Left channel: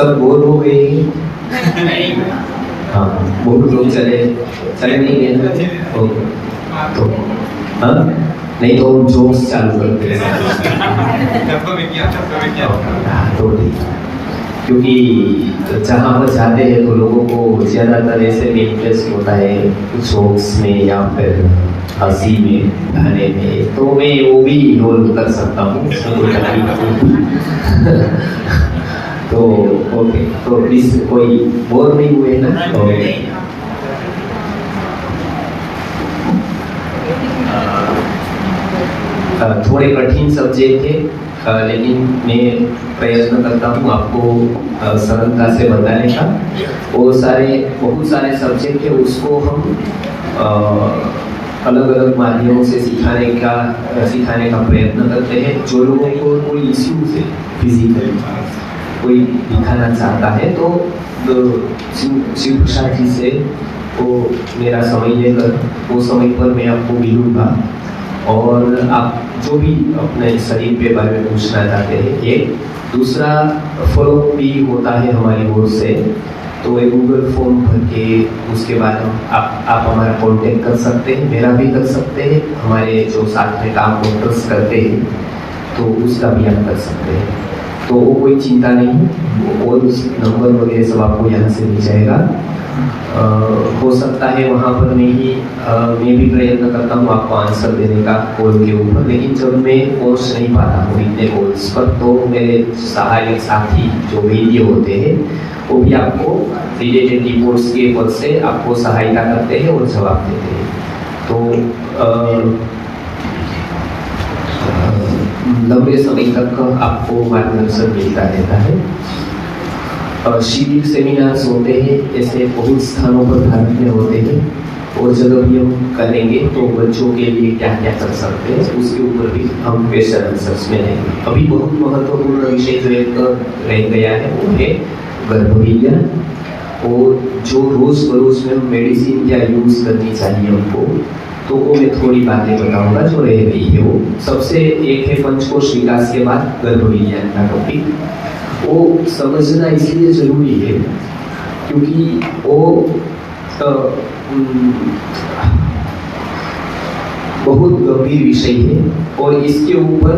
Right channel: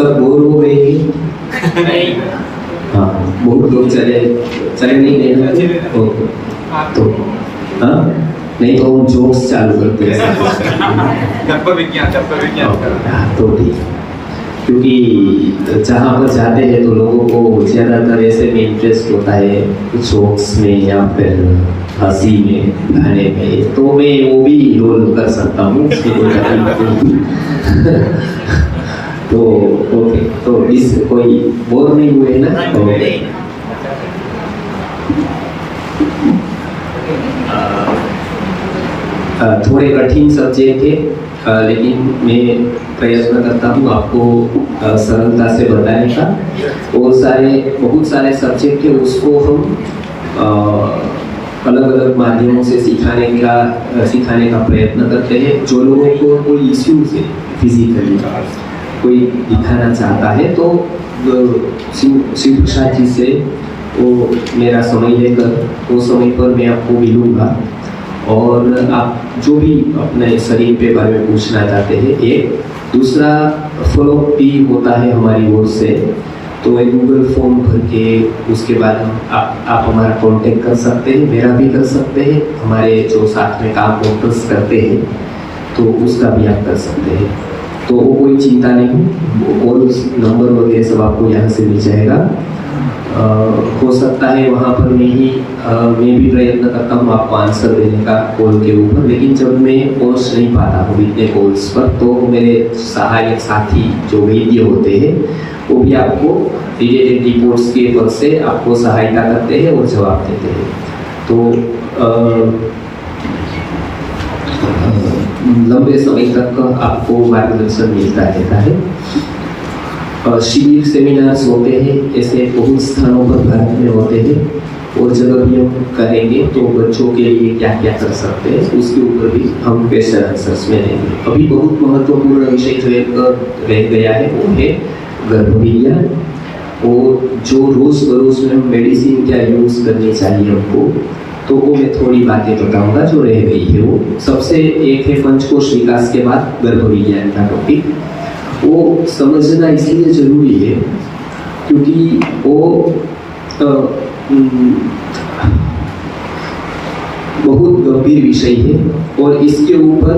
सब बोर हो गए हैं? हाँ, बहुत लोग चले नहीं गए ओके, तो हाँ नहीं तो हम जोक्स चालू करते हैं। तो क्योंकि जहाँ पर जाते हैं तो लोगों को ज़्यादातर ऐसे में इंटरेस्ट होता है, जोक्स में या फिर हंसी में, गाने में, तो मैं वो भी रोल कर सकता हूँ। तो ओके, तो इस कोई बोर नहीं हुए ना? थोड़े कठिन सब्जेक्ट थे, लेकिन मैं प्रयत्न करता हूँ आपको सरलता से बताने का। बहुत सारे सब्जेक्ट है, उसको हम अलग अलग माध्यमों से सिखाने का प्रयत्न करते हैं। जो लोगों को कोई इश्यूज है फिजिकली, कोई दिखाना चाहता है, तो शिव प्रसाद जी से वो मेरा समय लेकर वो समय पर मैं आपको मिलूँगा, और आप जो भी अपने शरीर के बारे में पूछना चाहते हैं, एक दूसरा फॉलोअप भी होता है हमारी ओर से। तो एक गूगल फॉर्म भर के उसके बाद आप हमारा कांटेक्ट कर सकते हैं, मेरा भी कर सकते हैं, हमारे जो साथ में काम वर्कर्स करते हैं तो उसका भी आप कर सकते हैं। तो वो कोई चिंता नहीं, और उस नंबर वगैरह सब आपको यहाँ से मिल जाएगा। हो सकता है वहाँ पर मैं भी प्रयत्न करता हूँ आपको आंसर देने का कॉल के ऊपर, लेकिन जब मैं पहुँच नहीं पाता हूँ इतने कॉल्स पर, तो मेरे सहायक साथी जो वैद्य होते हैं वो भी आपको रिलेटेड रिपोर्ट्स के पद से आपको सहायता करते हैं और जवाब देते हैं। तो लंबे समय तक आपको मार्गदर्शन मिलता रहता है। शिविर सेमिनार्स होते हैं, ऐसे बहुत स्थानों पर भारत में होते हैं, और जगह भी हम करेंगे तो बच्चों के लिए क्या क्या कर सकते हैं उसके ऊपर भी हम क्वेश्चन आंसर्स में लेंगे। अभी बहुत महत्वपूर्ण विषय जो एक रह गया है वो है गर्भविज्ञान, और जो रोज बरोज में हम मेडिसिन क्या यूज करनी चाहिए हमको, तो वो मैं थोड़ी बातें बताऊंगा जो रह गई है। वो सबसे एक है पंचकोश विकास के बाद गर्भविज्ञान का टॉपिक। वो समझना इसलिए जरूरी है क्योंकि वो बहुत गंभीर विषय है, और इसके ऊपर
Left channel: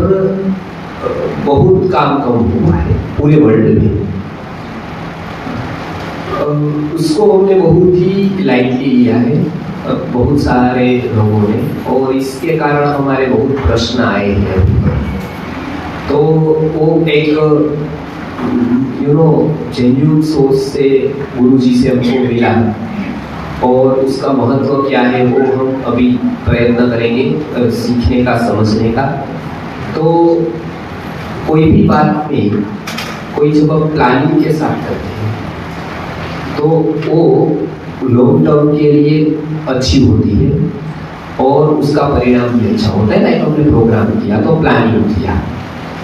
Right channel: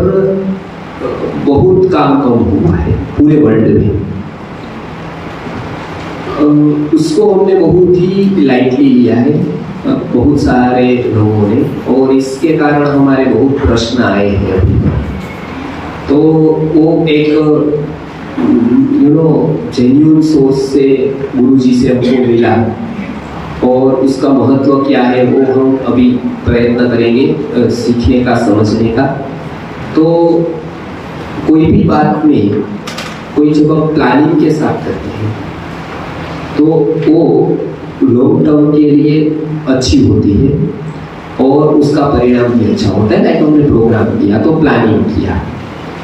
बहुत काम कम हुआ है पूरे वर्ल्ड में। उसको हमने बहुत ही लाइटली लिया है बहुत सारे लोगों ने, और इसके कारण हमारे बहुत प्रश्न आए हैं अभी। तो वो एक जेन्युइन सोर्स से गुरुजी से हमको मिला, और उसका महत्व क्या है वो हम अभी प्रयत्न करेंगे सीखने का, समझने का। तो कोई भी बात में कोई जब हम प्लानिंग के साथ करते हैं तो वो लॉन्ग टर्म के लिए अच्छी होती है, और उसका परिणाम भी अच्छा होता है। लाइक हमने प्रोग्राम किया तो प्लानिंग किया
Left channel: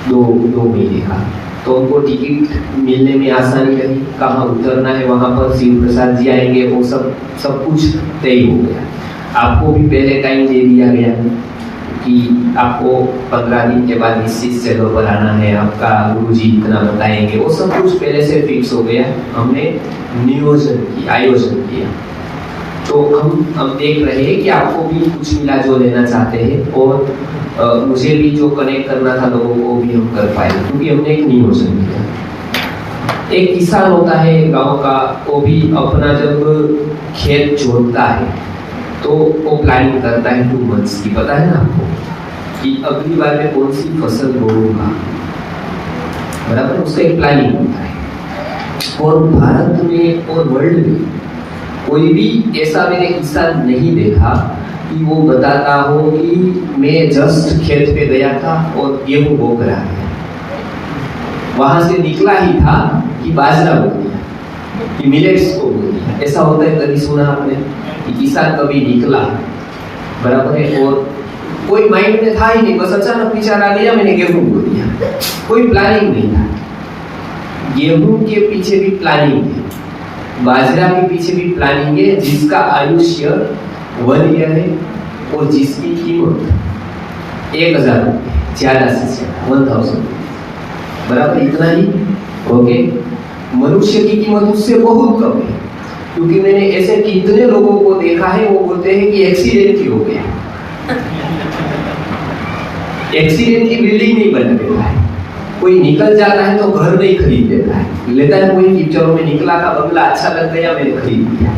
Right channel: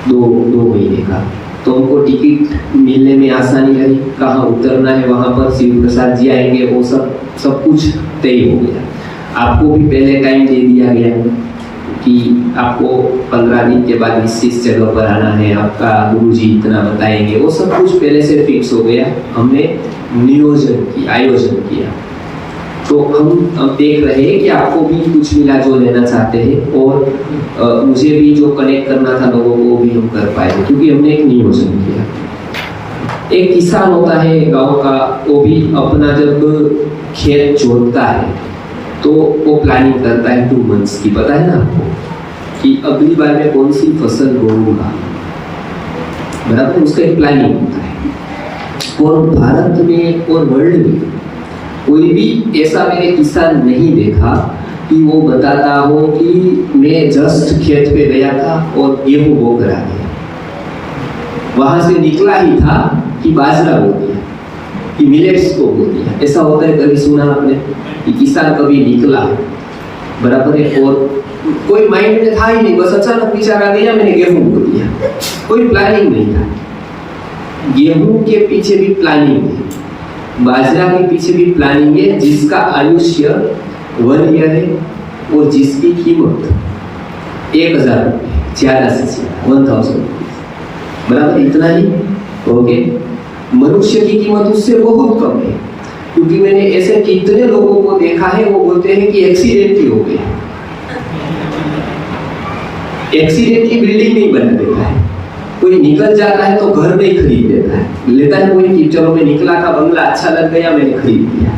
दो महीने का, तो उनको टिकट मिलने में आसानी रही, कहाँ उतरना है वहाँ पर शिव प्रसाद जी आएंगे, वो सब कुछ तय हो गया। आपको भी पहले टाइम दे दिया गया कि आपको 15 दिन के बाद इस जगह पर आना है, आपका गुरुजी इतना बताएंगे, वो सब कुछ पहले से फिक्स हो गया। हमने आयोजन किया। तो हम देख रहे हैं कि आपको भी कुछ मिला जो लेना चाहते हैं, और मुझे भी जो कनेक्ट करना था लोगों को भी हम कर पाए, क्योंकि हमने एक नियोजन किया। एक किसान होता है गांव का, वो भी अपना जब खेत जोतता है तो वो प्लानिंग करता है 2 मंथ्स की, पता है ना आपको, कि अगली बार में कौन सी फसल बोऊंगा, बराबर, उसका एक प्लानिंग होता है। और भारत में और वर्ल्ड में कोई भी ऐसा मैंने किसान नहीं देखा कि वो बताता हो कि मैं जस्ट खेत पे गया था और गेहूं बो कर आ गया, वहां से निकला ही था कि बाजरा बो दिया, कि मिलेट्स को बो दिया। ऐसा होता है, कभी सुना आपने कि किसान कभी निकला, बराबर है, और कोई माइंड में था ही नहीं, बस अचानक विचार आ गया मैंने गेहूं बो दिया, कोई प्लानिंग नहीं था। गेहूं के पीछे भी प्लानिंग है, बाजरा के पीछे भी प्लानिंग है, जिसका आयुष्य 1 ईयर है, और जिसकी कीमत 1000 रुपये, ज्यादा से ज्यादा 1000, बराबर, इतना ही। ओके, मनुष्य की कीमत उससे बहुत कम है, क्योंकि मैंने ऐसे कितने लोगों को देखा है वो बोलते हैं कि एक्सीडेंट ही हो गया। एक्सीडेंट की बिल्डिंग नहीं बन देता है, कोई निकल जाता है तो घर नहीं खरीद देता है, लेता है कोई पिक्चरों में निकला था बंगला अच्छा लग गया मैंने खरीद लिया,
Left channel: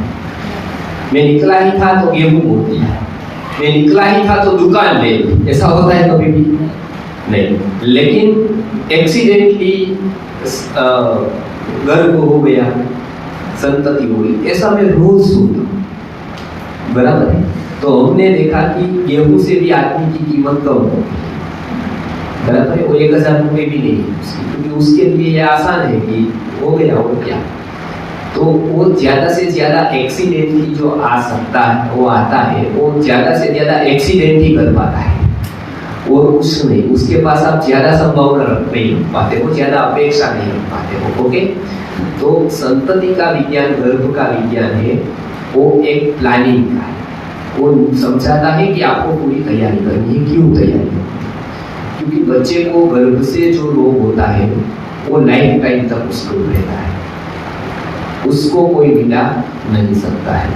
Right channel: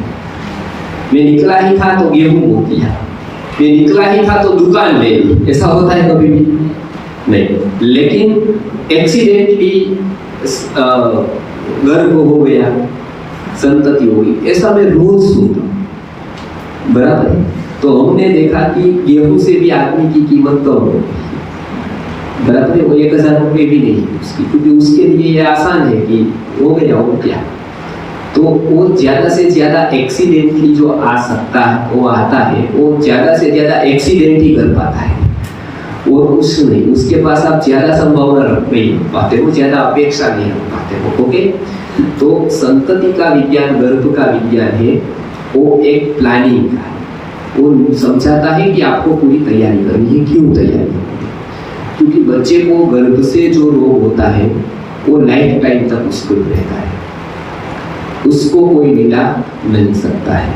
मैं निकला ही था तो गेहूं बो दिया, मैं निकला ही था तो दुकान ले ली। ऐसा होता है कभी भी नहीं। लेकिन एक्सीडेंटली गर्भ हो गया, संतति हुई, ऐसा मैं रोज सुनता हूँ, बराबर है। तो हमने देखा कि गेहूं से भी आदमी की कीमत कम हो, बराबर है। वो 1000 रुपये भी नहीं उसकी, क्योंकि उसके लिए ये आसान है कि हो गया हो क्या। तो वो ज्यादा से ज्यादा एक्सीडेंट की जो आ सकता है वो आता है, वो ज्यादा से ज्यादा एक्सीडेंट ही कर पाता है, और कुछ नहीं। उसके पास आप ज्यादा संभावना रख नहीं पाते हो, ज्यादा अपेक्षा नहीं रख पाते हो। ओके, तो संतति का विज्ञान, गर्भ का विज्ञान है, वो एक प्लानिंग का है। वो समझाता है कि आपको पूरी तैयारी करनी है। क्यों तैयारी? क्योंकि बच्चे को गर्भ से जो रोग होता है वो लाइफ टाइम तक उसको रहता है, उसको कोई मिटा नहीं सकता है,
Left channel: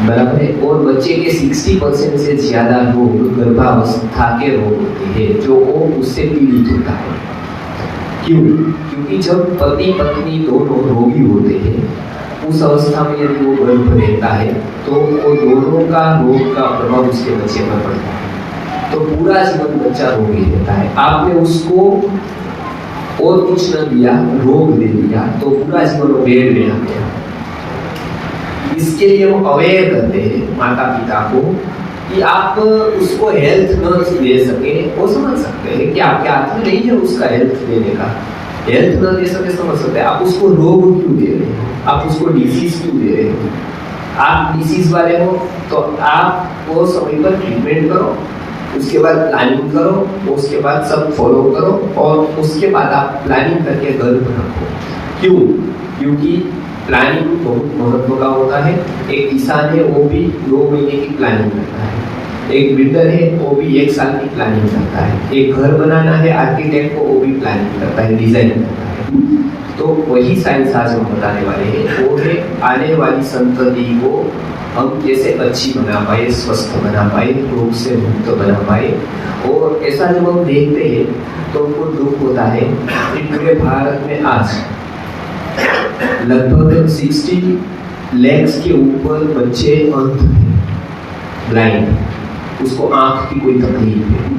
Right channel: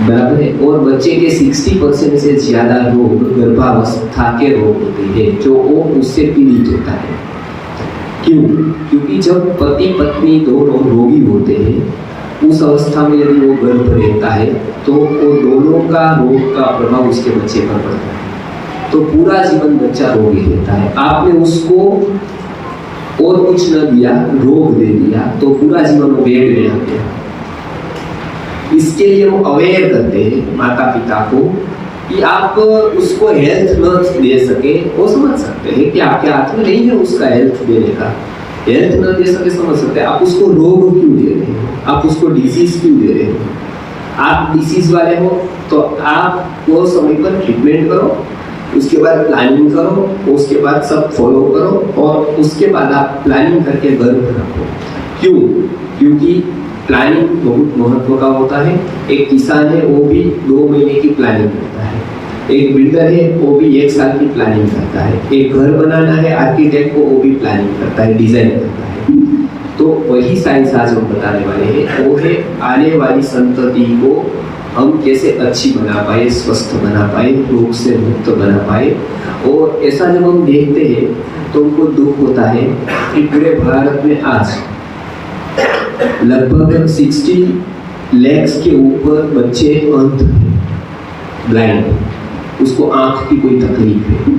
बराबर है। और बच्चे के 60% से ज्यादा रोग गर्भावस्था के रोग होते हैं, जो वो उससे पीड़ित होता है। क्यों? क्योंकि जब पति पत्नी दोनों रोगी होते हैं, उस अवस्था में यदि वो गर्भ रहता है तो वो दोनों का रोग का प्रभाव उसके बच्चे पर पड़ता है, तो पूरा जीवन बच्चा रोगी रहता है। आपने उसको और कुछ न दिया, रोग दे दिया, तो पूरा जीवन वो बेड में आ गया। इसके लिए वो अवेयर करते हैं माता पिता को कि आप उसको हेल्थ न दे सके, वो समझ सकते हैं कि आपके हाथ में नहीं है उसका हेल्थ देने का, हेल्थ न दे सके समझ सकते हैं। आप उसको रोग क्यों दे रहे हो, आप उसको डिजीज क्यों दे रहे हो। आप डिसीज वाले हो तो आप वो समय पर ट्रीटमेंट करो, उसके बाद प्लानिंग करो, उसके बाद सब फॉलो करो, और उसके बाद आप प्लानिंग करके गर्भ रखो। क्यों? क्योंकि प्लानिंग बहुत महत्व का होता है। एक किसान है वो भी 2 महीने की प्लानिंग करता है, एक बिल्डर है वो भी 1 साल की प्लानिंग करता है, एक घर बनाना है आर्किटेक्ट को वो भी प्लानिंग करता है, डिजाइन करता है। तो वही साइंस आज हम बताने वाले हैं, वो है आने वाली संतति को हम कैसे अच्छी बना पाए, स्वस्थ बना पाए, रोग से मुक्त बना पाए। और ऐसा जब हम देखते हैं तो उनको दुख होता है कि पूरे भारत में आज लगभग 60 लाख के ऊपर बच्चे अंध हैं, ब्लाइंड, उसको आंख की कोई तकलीफ है,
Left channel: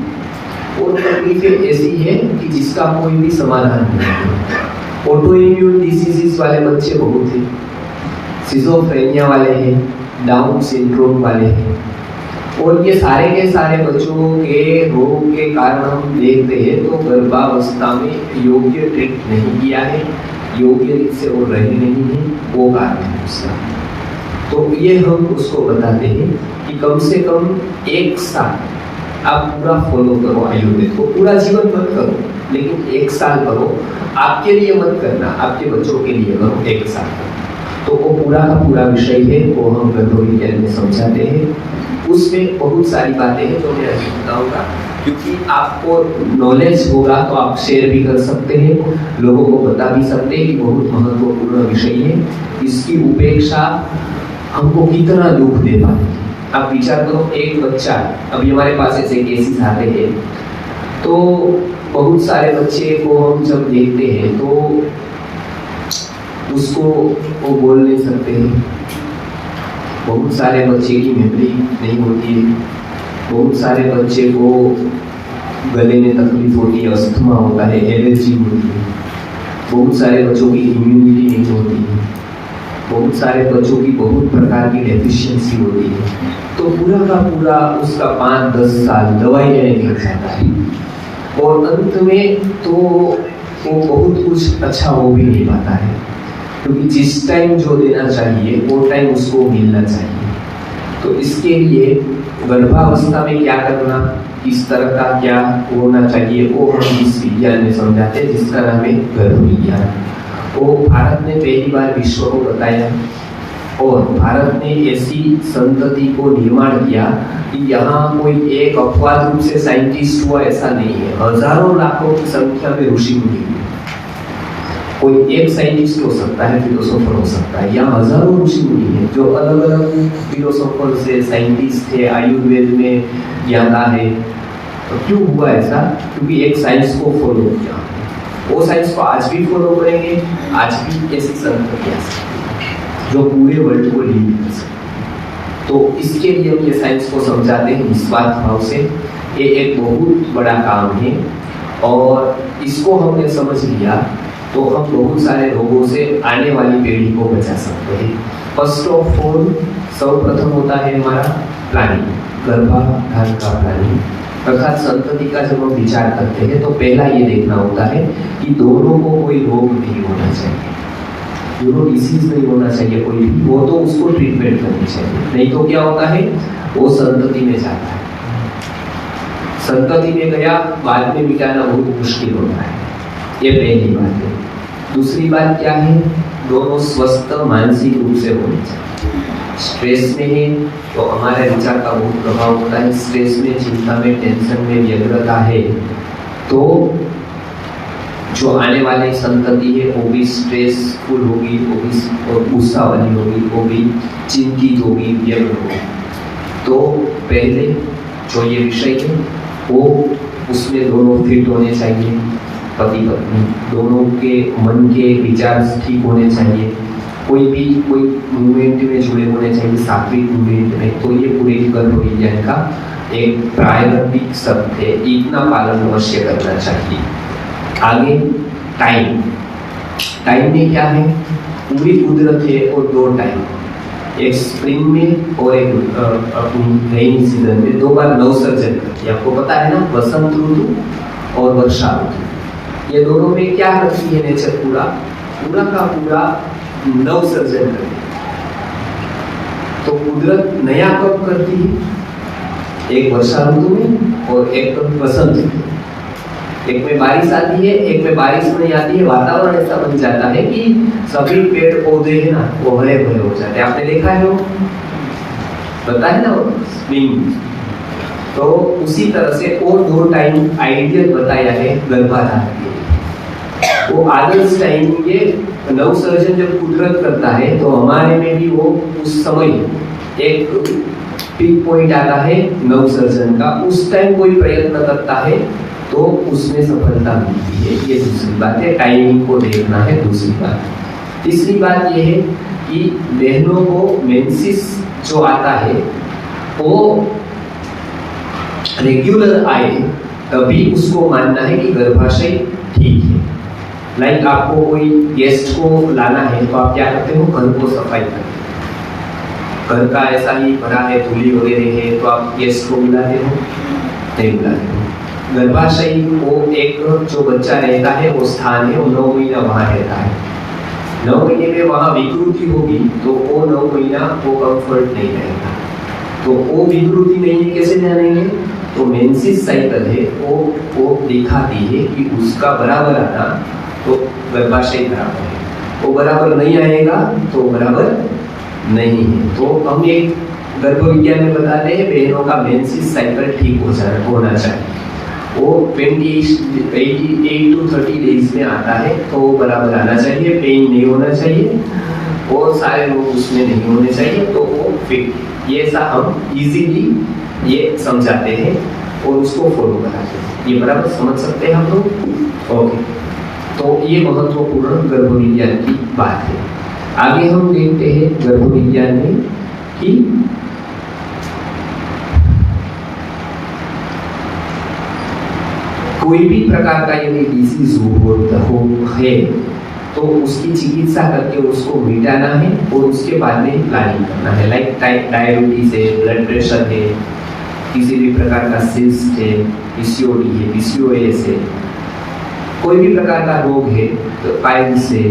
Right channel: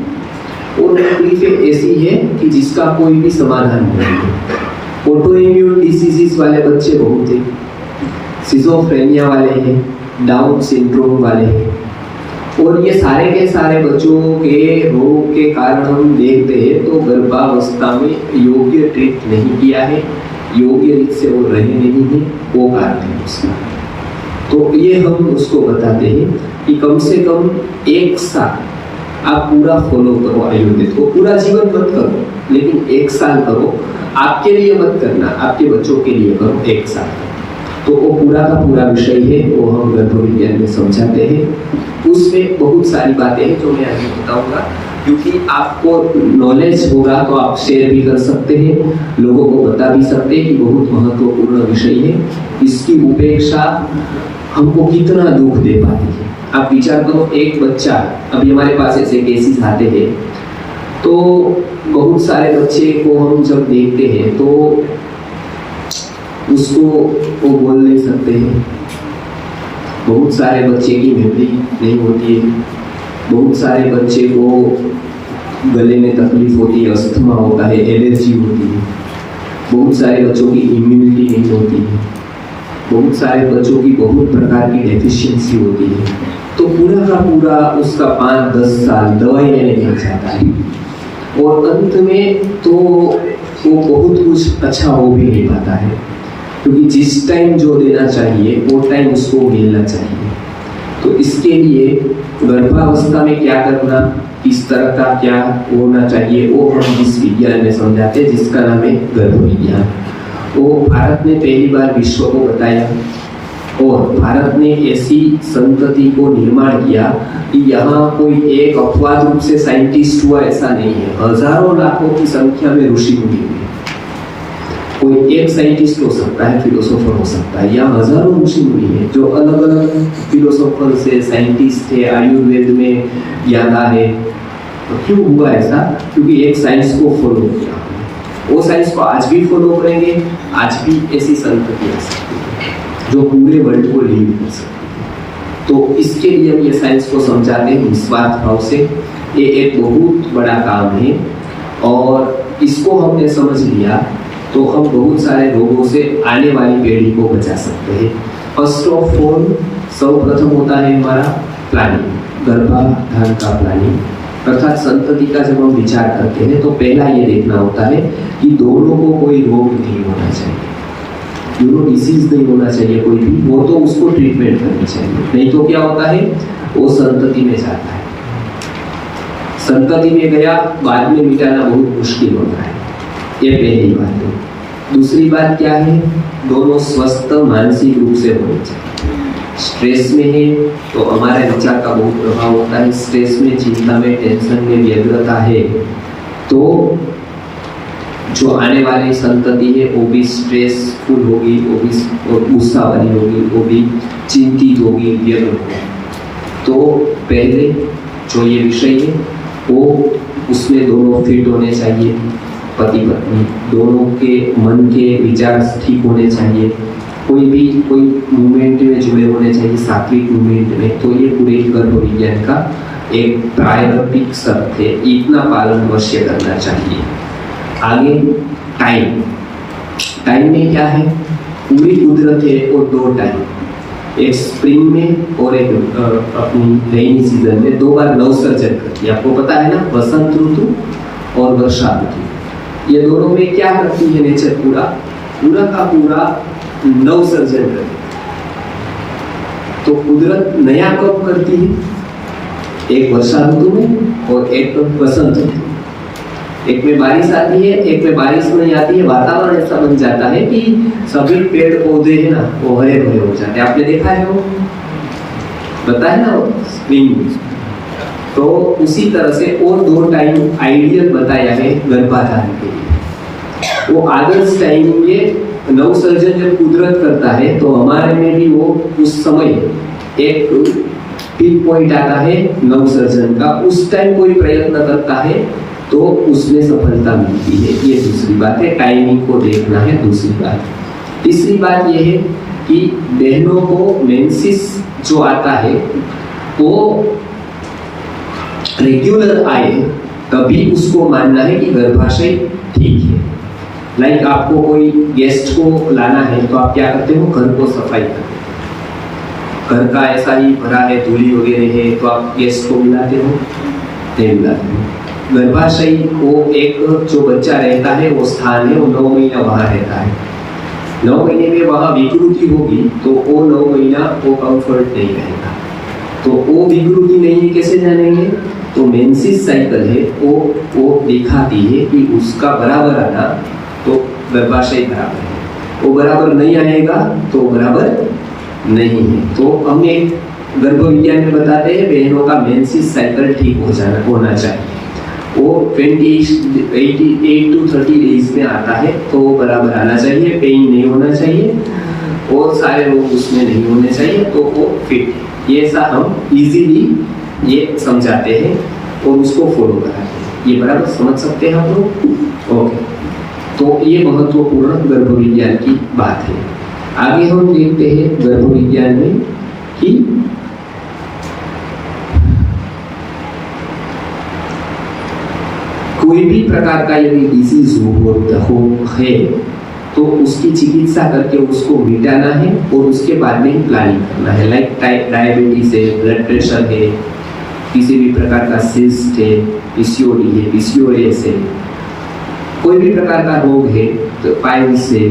और तकलीफें ऐसी है कि जिसका कोई भी समाधान नहीं है। ऑटो इम्यून डिसीजेस वाले बच्चे बहुत हैं, सिजोफ्रेनिया वाले हैं, डाउन सिंड्रोम वाले हैं, और ये सारे के सारे बच्चों के रोग के कारण हम देखते हैं तो गर्भावस्था में योग्य ट्रीट नहीं किया है, योग्य रीत से वो रहे नहीं है, वो कारण है उसका। तो ये हम उसको बताते हैं कि कम से कम 1 साल आप पूरा फॉलो करो आयुर्वेद को, पूरा जीवन मत करो, लेकिन 1 साल करो। आपके लिए मत करना, आपके बच्चों के लिए करो 1 साल। तो वो पूरा का पूरा विषय है, वो हम गर्भ विज्ञान में समझाते हैं। उसमें बहुत सारी बातें हैं जो मैं अभी बताऊंगा, क्योंकि आपको नॉलेज होगा तो आप शेयर भी कर सकते हैं, लोगों को बता भी सकते हैं कि बहुत महत्वपूर्ण विषय है। इसकी उपेक्षा हमको कितना दुख दे पाती है। आप विचार करो, एक बच्चा, अभी हमारे पास ऐसे केसेस आते हैं, तो बहुत सारे बच्चे को हम जब देखते हैं तो उसको वो बोल नहीं सकते हैं, बहुत सारे बच्चे की मेमोरी नहीं होती है, बहुत सारे बच्चे को गले में तकलीफ होती है, अस्थमा होता है, एलर्जी होती है, बहुत सारे बच्चों की इम्यूनिटी नहीं होती है, बहुत सारे बच्चों की बहुत प्रकार की डेफिशिएंसी होती है। तो पूरा का पूरा उसका 5-10 साल दवाई लेने लग जाता है, और अंत में तो वो बहुत कुछ अच्छा हो भी नहीं पाता है, क्योंकि जिस टाइम जो देना चाहिए वो टाइम उसको मिलना चाहिए। तो इसके लिए गर्भावस्था में क्या करना, किस तरह का क्या होना चाहिए, वो हम इस विज्ञान में समझाते हैं, जिसका नाम है गर्भ विज्ञान। वो भारत ने पहली बार विश्व को बताया, और भारत ने ऐसी संतति को निर्माण किया कि यहाँ कोई एक अपवाद रूप से साइंटिस्ट हुआ ऐसा नहीं है, हजारों लाखों की संख्या में ऋषि मुनि हुए। कोई एक साइंटिस्ट हो सकता है, फिलोसोफर हो सकता है, या हजारों ऋषि मुनि है जो अलग अलग फिलोसोफर से साइंटिस्ट है, आयुर्वेद में ज्ञाता है। तो क्यों हुआ ऐसा? क्योंकि एक साइंस को फॉलो किया, वो साइंस को आज भी फॉलो करेंगे। आज भी ऐसी संतति आ सकती है जो पूरे वर्ल्ड को लीड कर सकती है। तो इसके लिए हम ये साइंस को समझाते हैं निस्वार्थ भाव से। ये एक बहुत बड़ा काम है और इसको हमने समझ लिया तो हम बहुत सारे रोगों से आने वाली पीढ़ी को बचा सकते हैं। फर्स्ट ऑफ ऑल, सर्वप्रथम होता है हमारा प्लानिंग, गर्भाधान का प्लानिंग, अर्थात संतति का जब हम विचार करते हैं तो पहला ये देखना होता है कि दोनों को कोई रोग नहीं होना चाहिए, दोनों डिसीज नहीं होना चाहिए कोई भी, वो तो उसको ट्रीटमेंट करनी चाहिए। नहीं तो क्या होता है, वो संतति में जाता है, संतति में गया, बाद में मिटाना बहुत मुश्किल होता है। ये पहली बात है। दूसरी बात क्या है, दोनों स्वस्थ मानसिक रूप से होने चाहिए। स्ट्रेस में है तो हमारे विचार का बहुत प्रभाव होता है, स्ट्रेस में, चिंता में, टेंशन में, व्यग्रता है तो जो आने वाली संतति है वो भी स्ट्रेसफुल होगी, वो भी गुस्सा वाली होगी, वो भी चिंतित होगी, व्यग्र होगी। तो पहले जो ये विषय है वो उसमें दोनों फिट होने चाहिए, पति पत्नी दोनों के मन के विचार ठीक होने चाहिए, कोई मूवमेंट में जुड़े होने चाहिए, सात्विक मूवमेंट में। तो ये पूरे गर्भ विज्ञान का एक प्रायोगिक शर्त है, इतना पालन अवश्य करना चाहिए। आगे टाइम में क्या है, पूरी कुदरत है और दो टाइम, एक स्प्रिंग में और एक अपनी रेनी सीजन में दो बार नवसर्जन करती है। आपको पता है ना, बसंत ऋतु और वर्षा ऋतु, ये दोनों में क्या करती है नेचर, पूरा का पूरा नवसर्जन करती है। तो कुदरत नया कब करती है, एक वर्षा ऋतु में और एक बसंत ऋतु। एक में बारिश आती है, एक में बारिश नहीं आती है, वातावरण ऐसा बन जाता है कि सभी पेड़ पौधे है ना वो हरे भरे हो जाते हैं। आपने देखा है, वो पता है ना, वो स्प्रिंग। तो उसी तरह से और दो टाइम आइडियल बताया है गर्भाधान के लिए। वो आदर्श टाइम ये नवसर्जन जब कुदरत करता है तो हमारे में भी वो उस समय एक पीक पॉइंट आता है नवसर्जन का, उस टाइम कोई प्रयत्न करता है तो उसमें सफलता मिलती है। ये दूसरी बात है, टाइमिंग को देखना है दूसरी बात। तीसरी बात ये है कि बहनों को मेंसेस जो आता है वो रेगुलर आए तभी उसको मानना है कि गर्भाशय ठीक है। लाइक आपको कोई गेस्ट को लाना है तो आप क्या करते हो, घर को सफाई करते हो, घर का ऐसा ही भरा है, धूली वगैरह है, तो आप गेस्ट को बुलाते हो, नहीं बुलाते हो। गर्भाशय को एक जो बच्चा रहता है वो स्थान है, वो 9 महीना वहां रहता है। 9 महीने में वहां विकृति होगी तो वो 9 महीना वो कंफर्ट नहीं रहेगा। तो वो विकृति नहीं है कैसे जानेंगे, तो मेंसेस साइकिल है वो दिखाती है कि उसका बराबर आना तो गर्भाशय बराबर है, वो बराबर नहीं आएगा तो बराबर नहीं है। तो हमने गर्भ विज्ञान में बताते हैं बहनों का मेंसेस साइकिल ठीक होना चाहिए। वो 28 to 30 डेज में आता है तो बराबर आना चाहिए, पेन नहीं होना चाहिए और सारे रोग उसमें नहीं होने चाहिए, तो वो फिट है। ये ऐसा हम इजीली ये समझाते हैं और उसको फॉलो कराते हैं। ये बराबर समझ सकते हैं हम लोग, ओके। तो ये महत्वपूर्ण गर्भ विज्ञान की बात है। आगे हम देखते हैं गर्भ विज्ञान में कि कोई भी प्रकार का यदि डिसीज है तो उसकी चिकित्सा करके उसको मिटाना है और उसके बाद में प्लानिंग करना है। लाइक डायबिटीज है, ब्लड प्रेशर है, किसी भी प्रकार का सिस्ट है, पीसीओडी है, पीसीओएस है, कोई भी प्रकार का रोग है, तो पाइल्स है,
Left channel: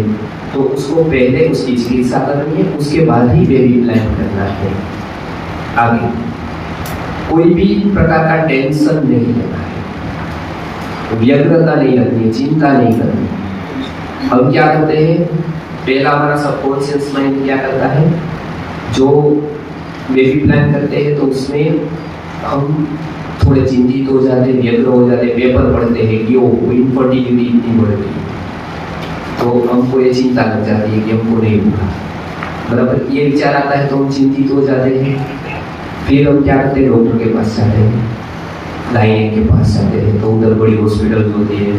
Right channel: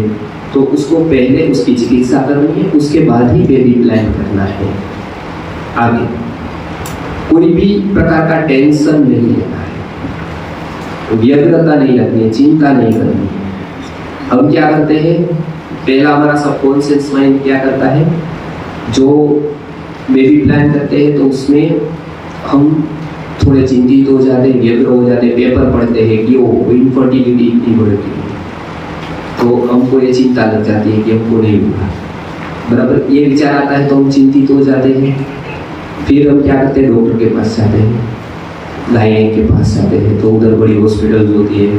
तो उसको पहले उसकी चिकित्सा करनी है, उसके बाद ही बेबी प्लान करना है। आगे कोई भी प्रकार का टेंशन नहीं लेना है, व्यग्रता नहीं रखनी, चिंता नहीं करनी। हम क्या करते हैं, पहला हमारा सबकॉन्शियस माइंड क्या करता है, जो बेबी प्लान करते हैं तो उसमें हम थोड़े चिंतित हो जाते हैं, व्यग्र हो जाते हैं, पेपर पढ़ते हैं कि वो इनफर्टिलिटी इतनी बढ़ती है, तो तो हमको ये चिंता लग जाती है कि हमको नहीं हुआ, बराबर। ये विचार आता है तो हम चिंतित हो जाते हैं। फिर हम क्या करते हैं, डॉक्टर के पास जाते हैं, गायनेक के पास जाते हैं, तो उधर बड़ी हॉस्पिटल होती है,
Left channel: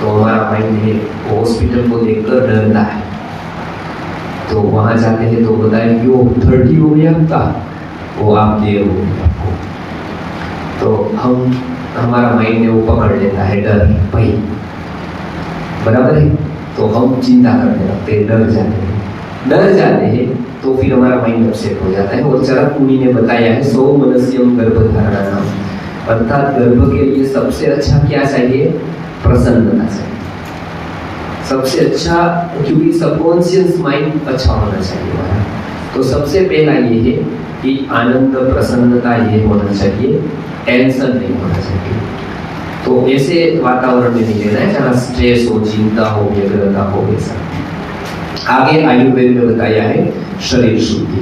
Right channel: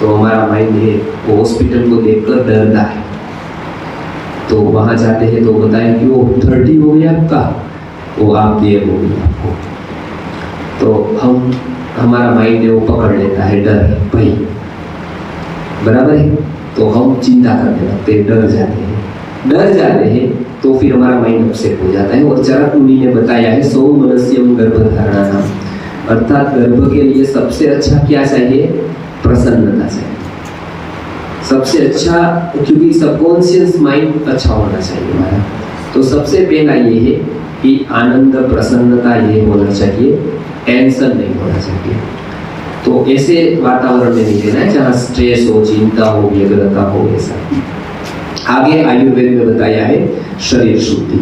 तो हमारा माइंड है वो हॉस्पिटल को देखकर डरता है। तो वहाँ जाते हैं तो बताए कि वो 30 हो गया आपका, वो आप देर हो गई आपको। तो हमारा माइंड है वो पकड़ लेता है डर, भाई, बराबर है। तो हम चिंता करने लगते हैं, डर जाते हैं तो फिर हमारा माइंड अपसेट हो जाता है। और चरक मुनि ने बताया है, सौ मनस्यम गर्भधारणा, अर्थात गर्भ के लिए सबसे अच्छा क्या चाहिए, प्रसन्नता चाहिए, सबसे अच्छा, क्योंकि सबकॉन्शियस माइंड अच्छा होना चाहिए हमारा। तो सबसे पहला ये है कि आनंद, प्रसन्नता ये होना चाहिए, टेंशन नहीं होना चाहिए। तो ऐसे वातावरण में नहीं रहना है जहाँ स्ट्रेस हो, चिंता हो, व्यग्रता हो, ऐसा। आगे आयुर्वेद में बताया है शरीर शुद्धि।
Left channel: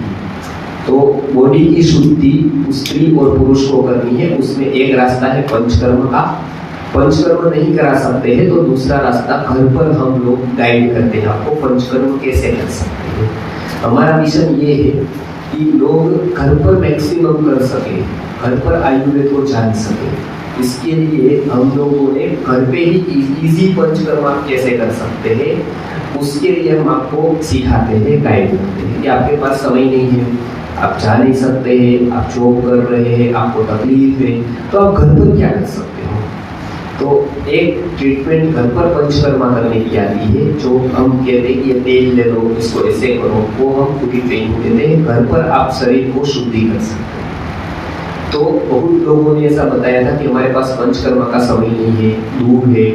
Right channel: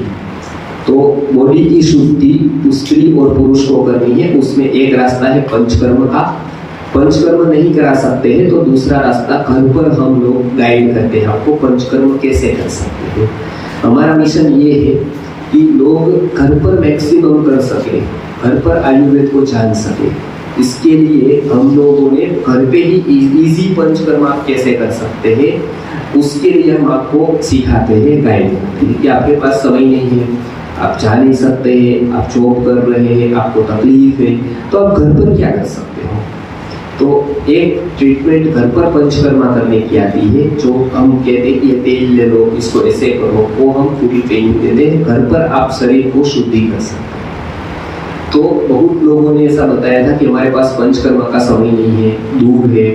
तो बॉडी की शुद्धि स्त्री और पुरुष को करनी है। उसमें एक रास्ता है पंचकर्म का। पंचकर्म नहीं करा सकते हैं तो दूसरा रास्ता घर पर हम लोग गाइड करते हैं आपको पंचकर्म कैसे कर सकते हैं। हमारा मिशन ये है कि लोग घर पर मैक्सिमम कर सके, घर पर आयुर्वेद को जान सके। इसके लिए हम लोगों ने घर पे ही इजी पंचकर्म आप कैसे कर सकते हैं, उसके लिए हम आपको सिखाते हैं, गाइड करते हैं। कि आपके पास समय नहीं है, आप जा नहीं सकते हैं, आप जॉब कर रहे हैं, आपको तकलीफ है, तो आप घर पर क्या कर सकते हो। तो एक ट्रीटमेंट घर पर पंचकर्मा करने की आती है, जो हम कहते हैं कि ये तेल ले लो, इसको ऐसे करो, वो हम पूरी ट्रेनिंग देते हैं। घर पर आप शरीर को शुद्धि कर सकते हैं। तो बहुत लोगों ने ऐसा बताया था कि हमारे पास पंचकर्मा का समय नहीं है, दूर है,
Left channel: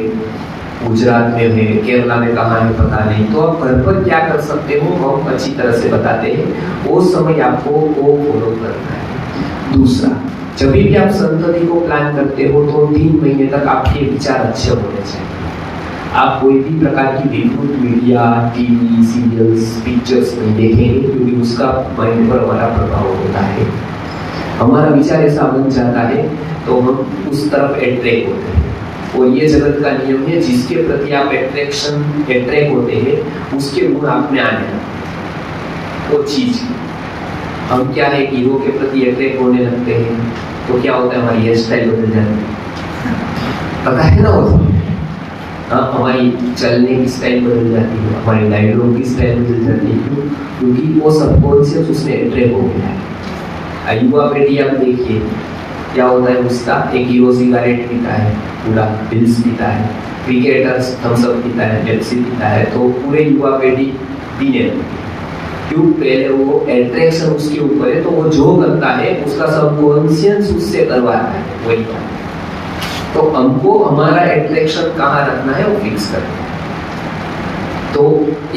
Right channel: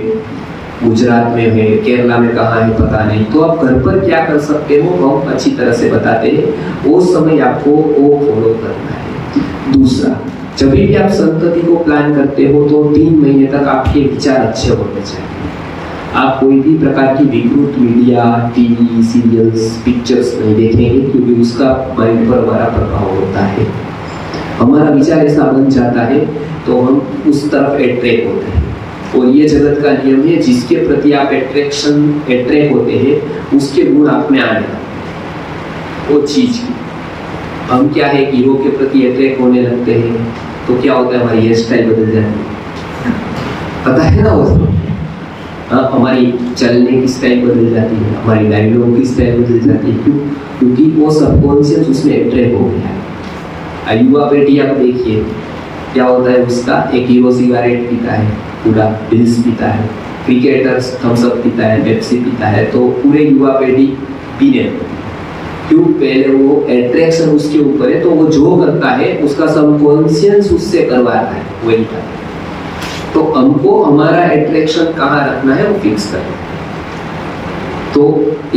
गुजरात में है, केरला में कहाँ है पता नहीं। तो आप घर पर क्या कर सकते हो हम अच्छी तरह से बताते हैं, वो समय आपको वो फॉलो करना है। दूसरा, जब भी आप संतति को प्लान करते हो तो 3 महीने तक आपके विचार अच्छे होने चाहिए। आप कोई भी प्रकार की विकृत मीडिया, टीवी, सीरियल्स, पिक्चर्स नहीं देखेंगे, क्योंकि उसका माइंड पर हमारा प्रभाव होता है। हमारा विचार ऐसा बन जाता है तो हम उस तरफ अट्रैक्ट होते हैं। और ये जगत का नियम है, जिसके प्रति आप अट्रैक्ट होते हैं उसके गुण आप में आने लगते हैं। वो चीज हम क्या है, हीरो के प्रति अट्रैक्ट होने लगते हैं तो क्या होता है, हमारी हेयर स्टाइल बदल जाती है, पता है ना। वो हमारी चलने की स्टाइल बदल जाती है, हमारी डायलॉग की स्टाइल बदल जाती है। क्यों? क्योंकि वो सबकॉन्शियस उसमें अट्रैक्ट हो गया है। युवा पीढ़ी आप देखिए क्या होता है उसका, एक हीरो सिगरेट पीता है, पूरा बिल्स पीता है, क्रिकेटर्स थम्स अप पीता है, पेप्सी पीता है, तो पूरे युवा पीढ़ी पीने लगती है। क्यों? पहले वो अट्रैक्शन उसके ऊपर है, तो वो जो करता है उसका सबकॉन्शियस उससे करवाता है, वही करता है। तो हमको हमारा अट्रैक्शन कहाँ रखना है वो फिक्स करना है। तो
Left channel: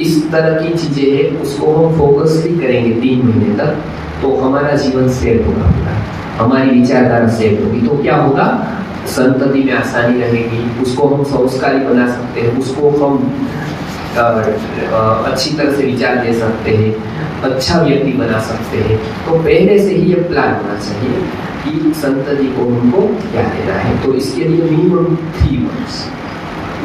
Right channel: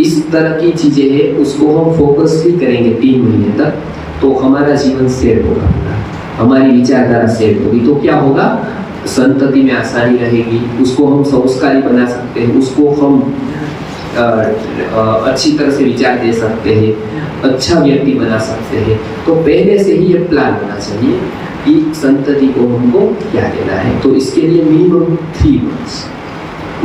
इस तरह की चीजें है, उसको हम फोकस भी करेंगे 3 महीने तक, तो हमारा जीवन सेट होगा, हमारी विचारधारा सेट होगी। तो क्या होगा, संतति में आसानी रहेगी, उसको हम संस्कारी बना सकते हैं, उसको हम अच्छी तरह से विचार दे सकते हैं, अच्छा व्यक्ति बना सकते हैं। तो पहले से ही ये प्लान होना चाहिए कि संतति को हमको क्या देना है। तो इसके लिए मिनिमम 3 मंथ्स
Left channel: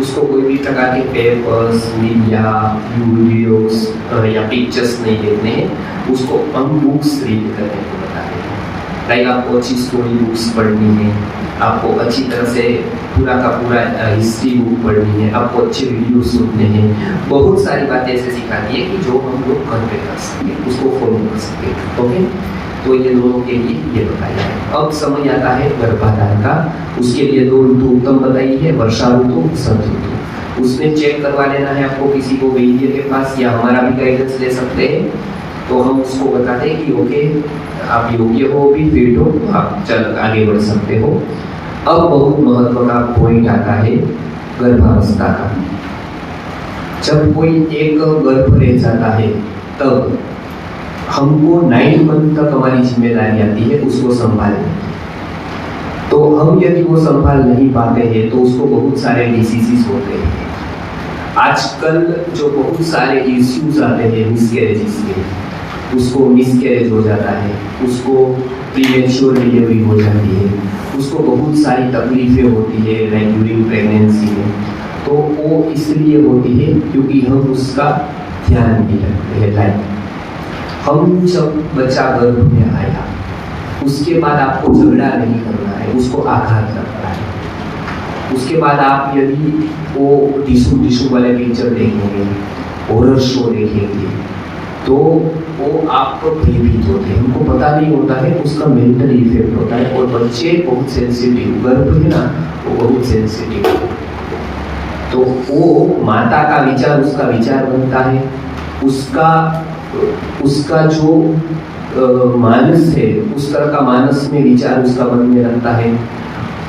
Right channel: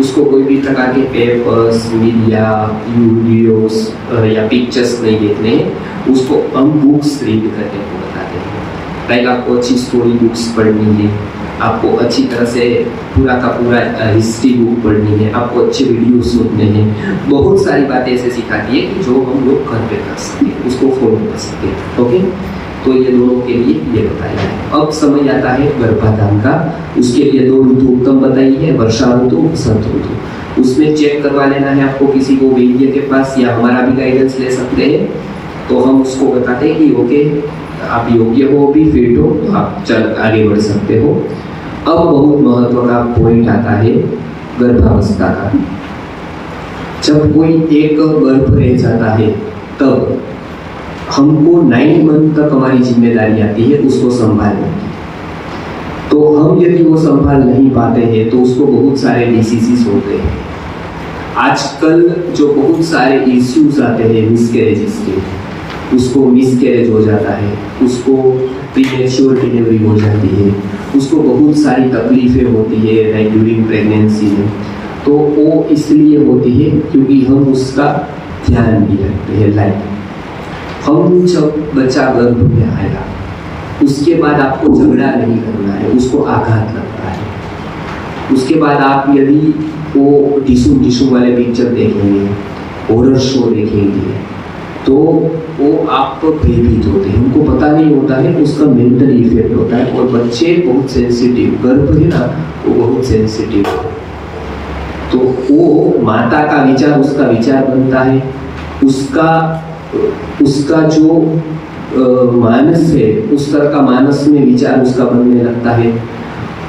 उसको कोई भी प्रकार के पेपर्स, मीडिया, वीडियोस या पिक्चर्स नहीं देखने, उसको हम बुक्स रीड करने को बताते हैं। लाइक आपको अच्छी स्टोरी बुक्स पढ़नी है, आपको अच्छी तरह से पूरा का पूरा हिस्ट्री बुक पढ़नी है, आपको अच्छे वीडियो सुनने हैं। बहुत सारी बातें ऐसे सिखाती है कि जो हम लोग घर पे कर सकें, उसको फॉलो कर सकें। ओके, तो ये दोनों के लिए ये बताया है। अब समय आता है गर्भाधान का। उसके लिए 2 ऋतु उत्तम बताई है, वर्षा ऋतु, वसंत ऋतु। उसमें चेक करवा लेना है आपको किसी को वैद्य के पास, या हमारा भी गाइडेंस ले सकते हैं। तो हम उसको बताते हैं कि ओके आप योग्य हो, भी फिट हो, तो आप चल आगे बढ़ सकते हो। अब बहुत महत्व का पॉइंट आता है गर्भावस्था का। जब कोई एक गर्भ रह जाता है तब हमको 9 मंथ तक हमारी जिम्मेदारी आती है उसको संभालने की। तो हम यदि वो संभाल नहीं पाते हैं तो उसको बहुत सारे डिसीजेस होते हैं। आजकल जो बहुत सारे इश्यूज आते हैं मिसकैरेजेस के, उसको मिसकैरेज हो जाता है, उसको प्रीमेच्योर डिलीवरी हो जाती है, उसको बहुत सारी तकलीफें होती है ड्यूरिंग प्रेगनेंसी में। तो वो वो इसलिए होती है क्योंकि हम उसका ध्यान भी रखते हैं। लाइक हम जब बच्चा गर्भ में आया उसके बाद आपको झगड़ा नहीं करना है, उसको आघात लगता है। उसके बाद आप यदि वो टिशू वाले पिक्चर देखेंगे, हॉरर शो देखेंगे, तो वो आप पर भयभीत होते हैं, उनको पता नहीं होता है उसका मेंटल इफेक्ट होता है। और बच्चे बहुत सेंसिटिव, गर्भ है ना, वो बहुत सेंसिटिव है। तो वो माता का विचार उसका विचार बनता है, उसका जो मानस है उस तरह का मानस में विचार उसका बनने लगता है।